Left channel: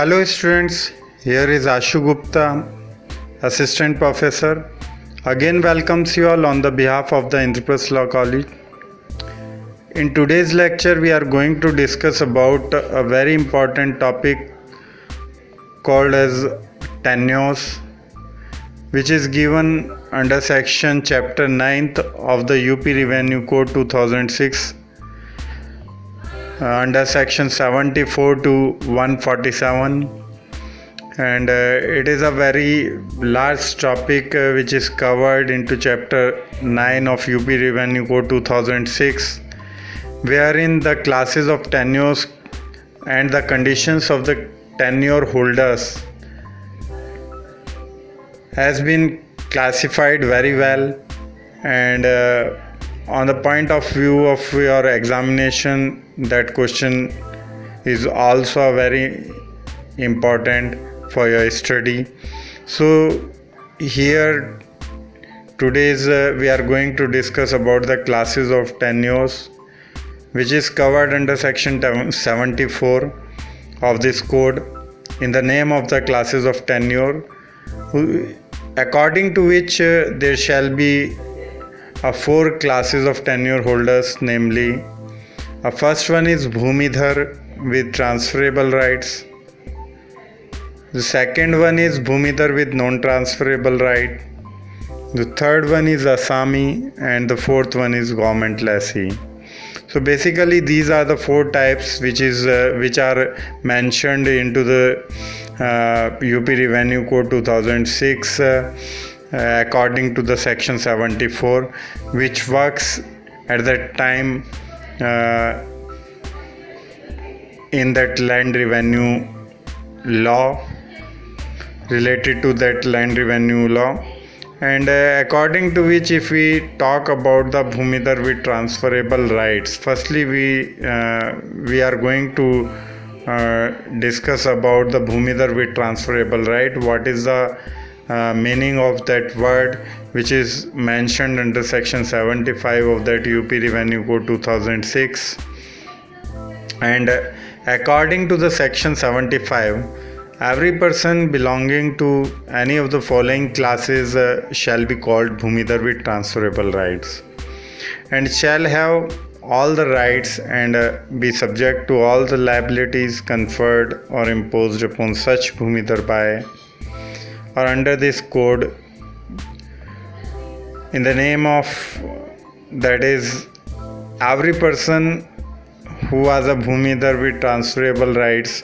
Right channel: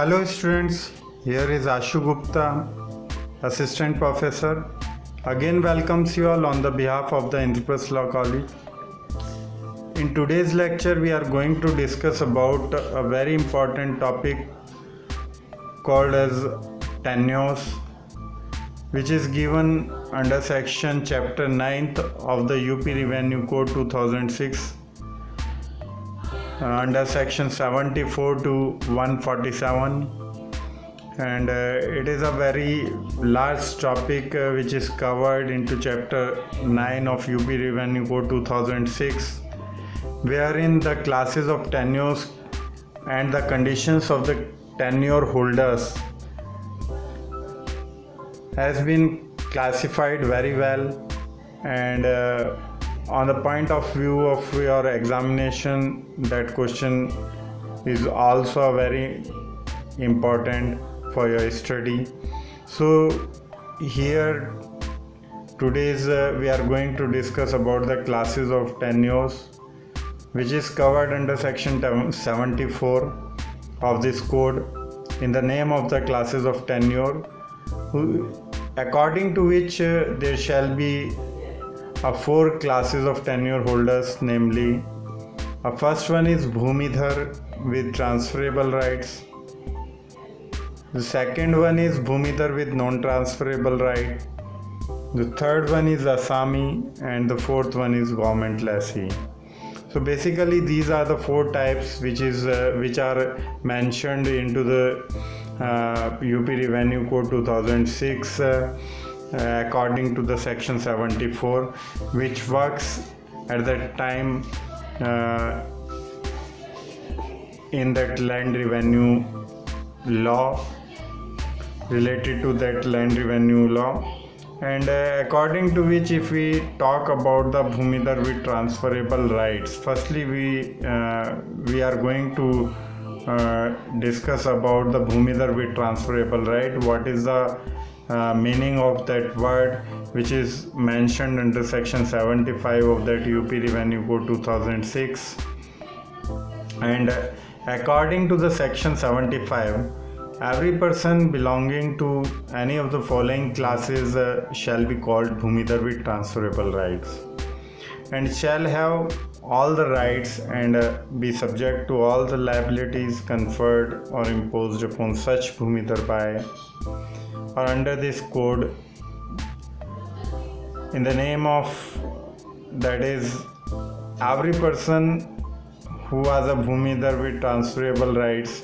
Hello students, here is Ashu Gupta, Assistant Professor. Again welcomes you all on the behalf of the Indraprasth Law College. In today's lecture, we are going to discuss about a very important topic called as tenures, which is given under section chapter 9th of the UP Revenue Code 2006 under section 74 to 147, and it is a very large topic which is covered into chapter 9 of UP Revenue Code 2006, wherein the classes of tenures and the conditions of the tenure holders has been classified very well, and on the point of view of your examination, that question is also very important for your study. So here today's we are going to discuss about the classes of tenures, which is covered under section 74 of this code, in the name of the classes of tenure, according to which there shall be four classes of tenure holders, namely first one is Bhumidhar with transferable rights, the second one is Bhumidhar with non-transferable right, the third one is Asami, and the fourth one is government lessee. So basically these are the four types which are mentioned into the UP Revenue Code 2006 according to the section 74, which works at that time in that land revenue law, related to that land revenue law, and according to which, if we talk about the Bhumidhar with transferable rights, firstly we are going to discuss about the Bhumidhar with transferable right. What is the meaning of that word, which is mentioned under section 75 of that UP Revenue Code 2006, and according to the section 75, every person belonging to any of the following classes shall be called Bhumidhar with transferable rights, and shall have all the rights and be subject to all the liabilities conferred or imposed upon such Bhumidhar by or under this code, in the name of, that is, every person who has a Bhumidhar with transferable rights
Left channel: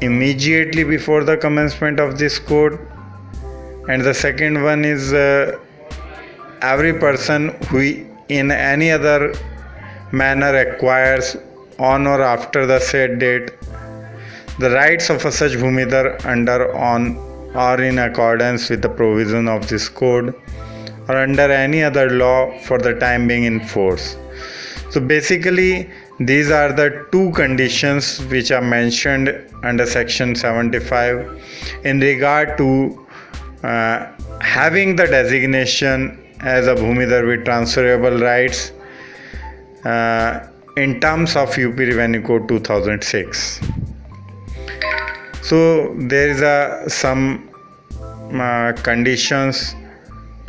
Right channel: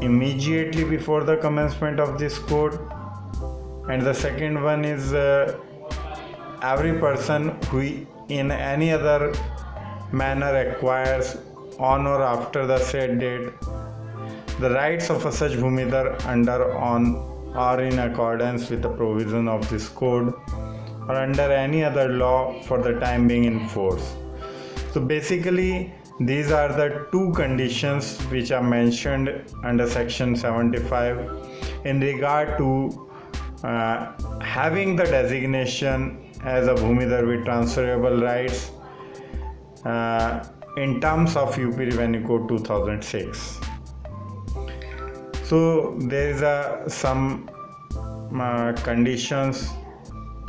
immediately before the commencement of this code, and the second one is every person who in any other manner acquires on or after the said date the rights of a such Bhumidhar under, on, or in accordance with the provision of this code or under any other law for the time being in force. So basically these are the two conditions which are mentioned under section 75 in regard to having the designation as a Bhumidhar with transferable rights in terms of UP Revenue Code 2006. So there is some conditions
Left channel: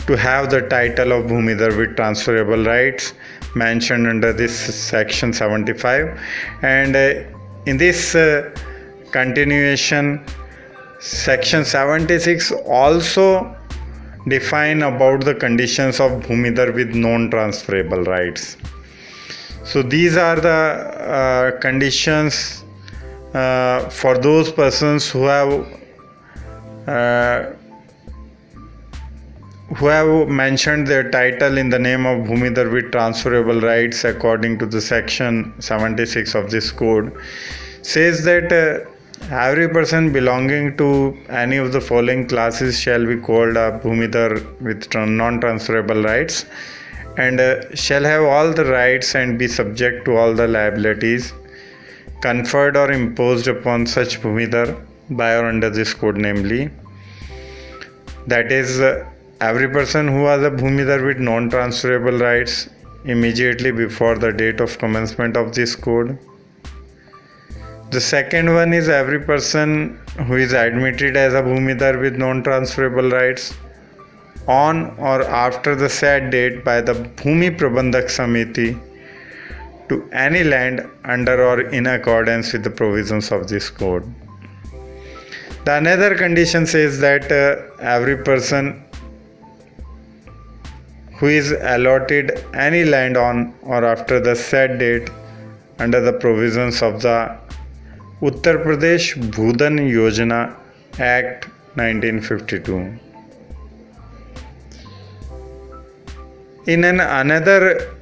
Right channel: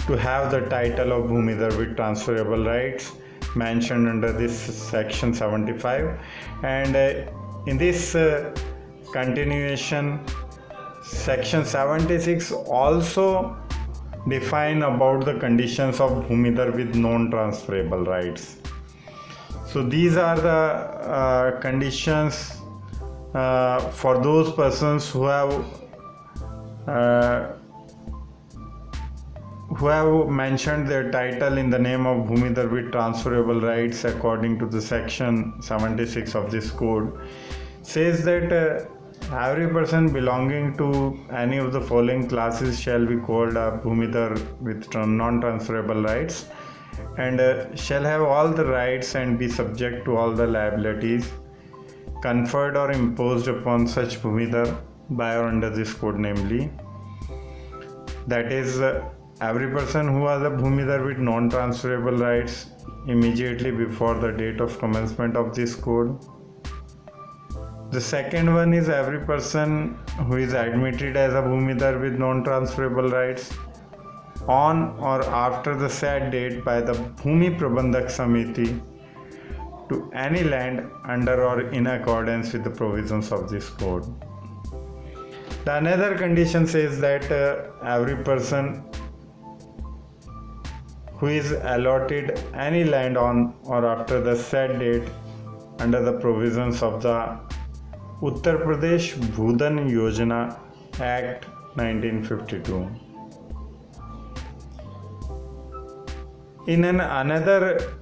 to have the title of Bhumidhar with transferable rights mentioned under this section 75, and in this continuation, section 76 also define about the conditions of Bhumidhar with non-transferable rights. So these are the conditions for those persons who have mentioned their title in the name of Bhumidhar with transferable rights according to the section 76 of this code, says that every person belonging to any of the following classes shall be called a Bhumidhar with non-transferable rights, and shall have all the rights and be subject to all the liabilities conferred or imposed upon such Bhumidhar by or under this code, namely, that is, every person who has a Bhumidhar with non-transferable rights immediately before the date of commencement of this code, The second one is every person who is admitted as a Bhumidar with non-transferable rights on or after the said date by the Bhumi Prabandhak Samiti to any land under or in accordance with the provisions of this code. The another condition says that every person who is allotted any land on or after the said date under the provisions of the Uttar Pradesh Bhudan Yojana Act 1952. In another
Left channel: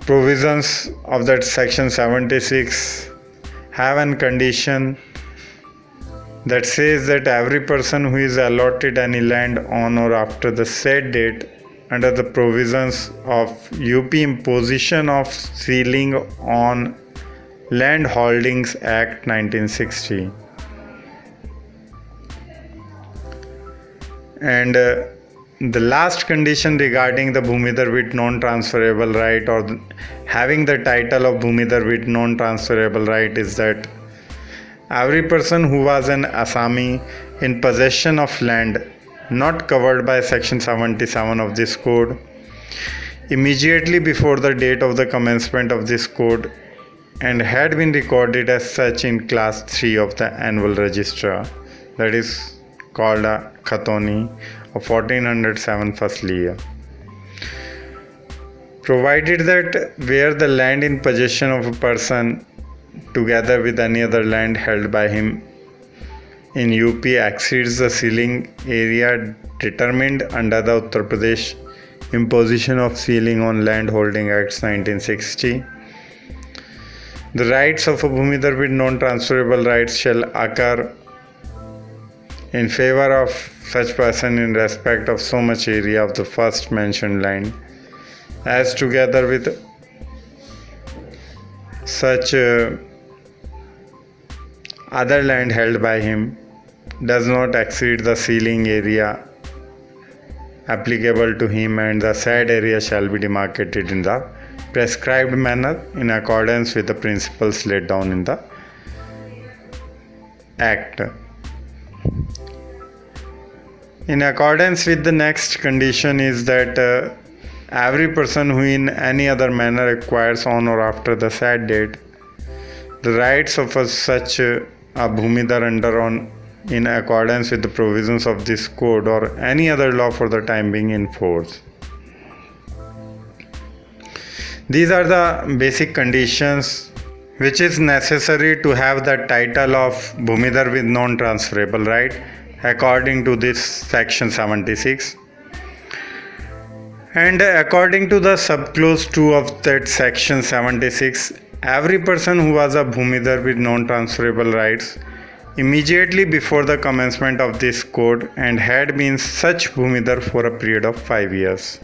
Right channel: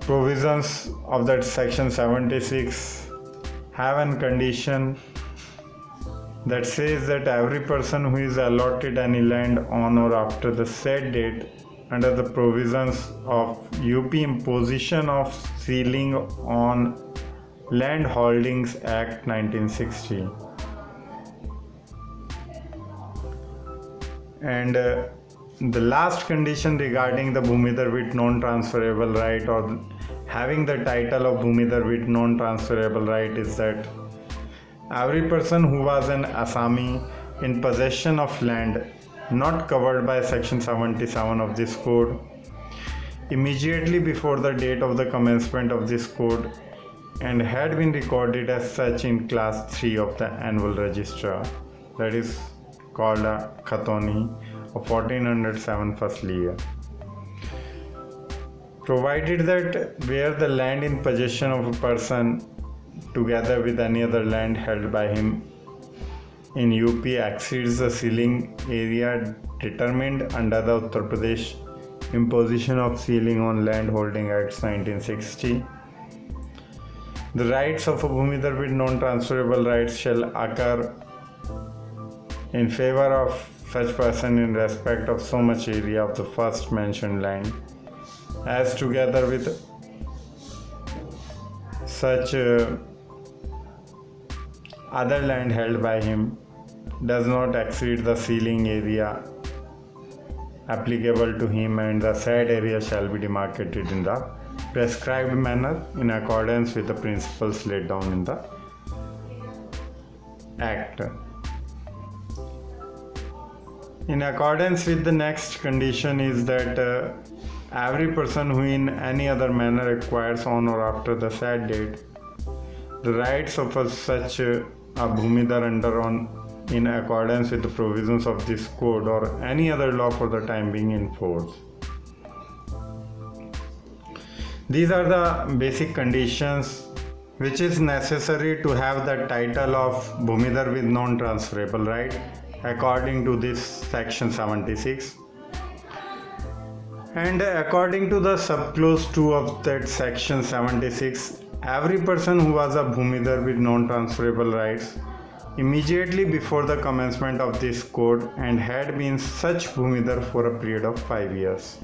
provisions of that section 76 have a condition that says that every person who is allotted any land on or after the said date under the provisions of UP Imposition of Ceiling on Land Holdings Act 1960 and the last condition regarding the Bhumidar with non-transferable right or having the title of Bhumidar with non-transferable right is that every person who was an Assami in possession of land not covered by section 77 of this code immediately before the date of the commencement of this code and had been recorded as such in class 3 of the annual register, that is called a Khatoni of 1407 firstly year. Provided that where the land in possession of a person together with any other land held by him in UP exceeds the ceiling area determined under the Uttar Pradesh Imposition of Ceiling on Land Holding Acts 1960, the rights of a Bhumidar with non-transferable rights shall occur in favor of such person in respect of so much area of the first mentioned land as together with such other land held by him does not exceed the ceiling area applicable to him, and the said area shall be demarcated in the prescribed manner in accordance with the principles laid down in the Act. In accordance with the next condition is that every person who in any other manner acquires on or after the said date the rights of such a Bhumidar under on in accordance with the provisions of this code or any other law for the time being in force. These are the basic conditions which is necessary to have the title of Bhumidar with non-transferable right according to this section 76. And according to the subclause 2 of that section 76, every person who was a Bhumidar with non-transferable rights immediately before the commencement of this code and had been such Bhumidar for a period of 5 years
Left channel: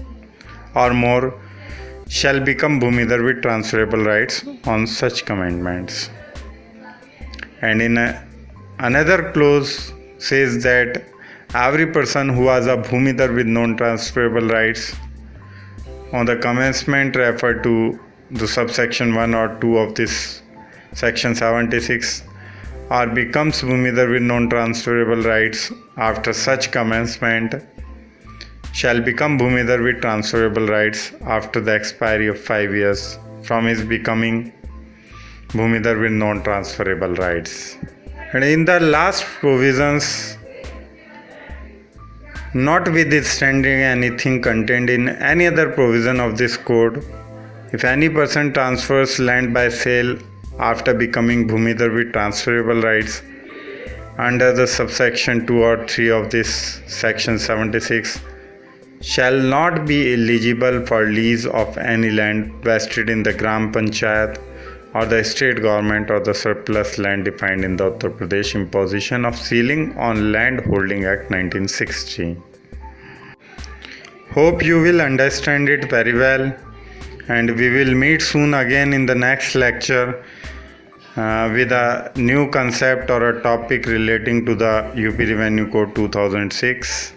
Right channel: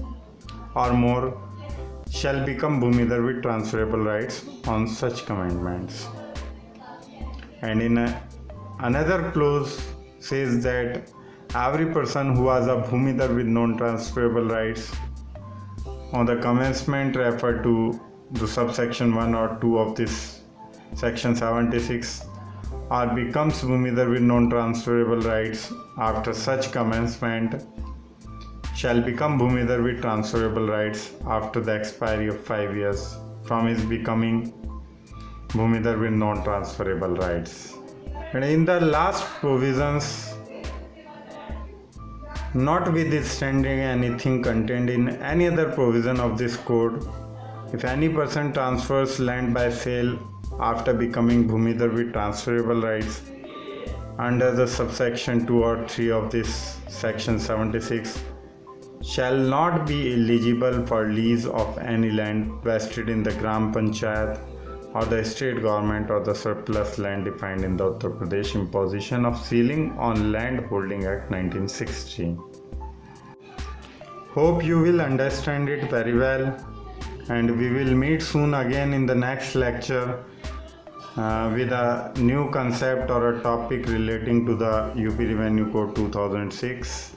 or more shall become Bhumidar with transferable rights on such commandments. And in another clause says that every person who was a Bhumidar with non-transferable rights on the commencement referred to the subsection 1 or 2 of this section 76 or becomes Bhumidar with non-transferable rights after such commencement shall become Bhumidar with transferable rights after the expiry of 5 years from his becoming Bhumidar with non-transferable rights. And in the last provisions, notwithstanding anything contained in any other provision of this code, if any person transfers land by sale after becoming Bhumidar with transferable rights under the subsection 2 or 3 of this section 76 shall not be eligible for lease of any land vested in the Gram Panchayat or the state government or the surplus land defined in the Uttar Pradesh Imposition of Ceiling on Land Holding Act 1960. Hope you will understand it very well, and we will meet soon again in the next lecture with a new concept or a topic relating to the UP Revenue Code 2006.